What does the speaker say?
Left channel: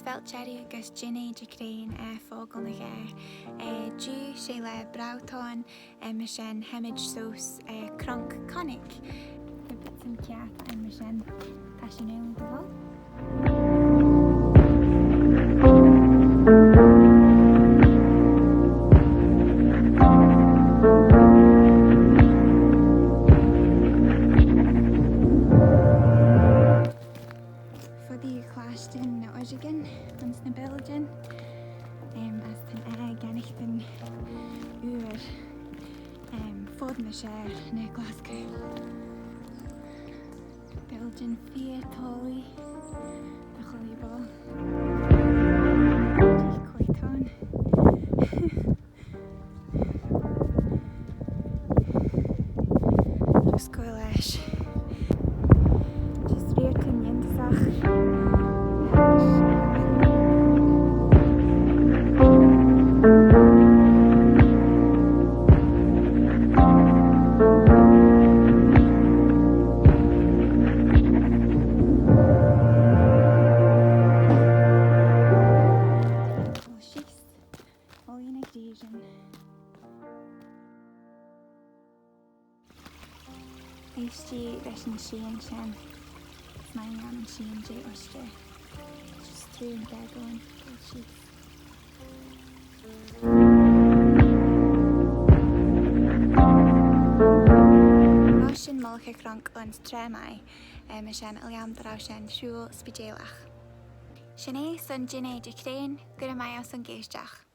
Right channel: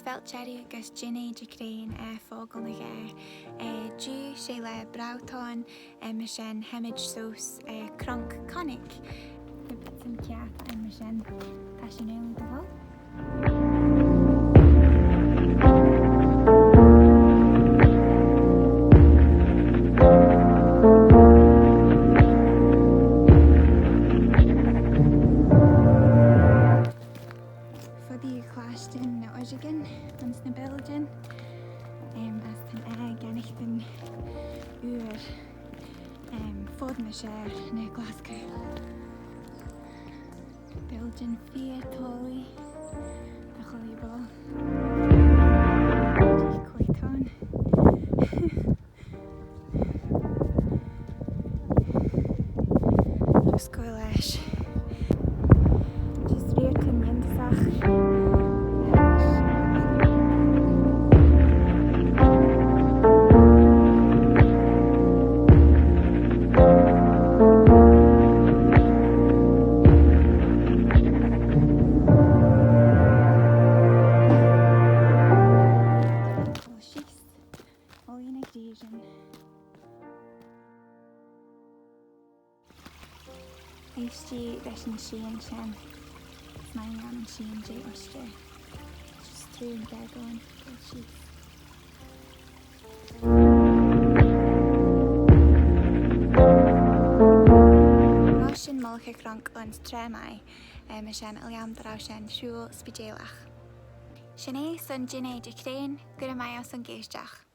felt cherry agus jecrean Fockle na ghaa. Jiu sé le brautáin mar sin neemayd seose Cronk Keynnagh. The bits and ceart mar sin tá sin éileann do bhfuil. Ons na biljyn as ten gennych den uur fod na share na Glasgow. Biljyn 4 toallee da cholibol. Die coiton. Just go lesh. Just reerken yindyssagh. Neesht lesh an shin sin. It's my an shin J Oyster. Just through and there going. Shin molcha cronk ons traa mar sin lhien sin shiu spidéalach. Sin é san jecrean gur mai as an géisteach.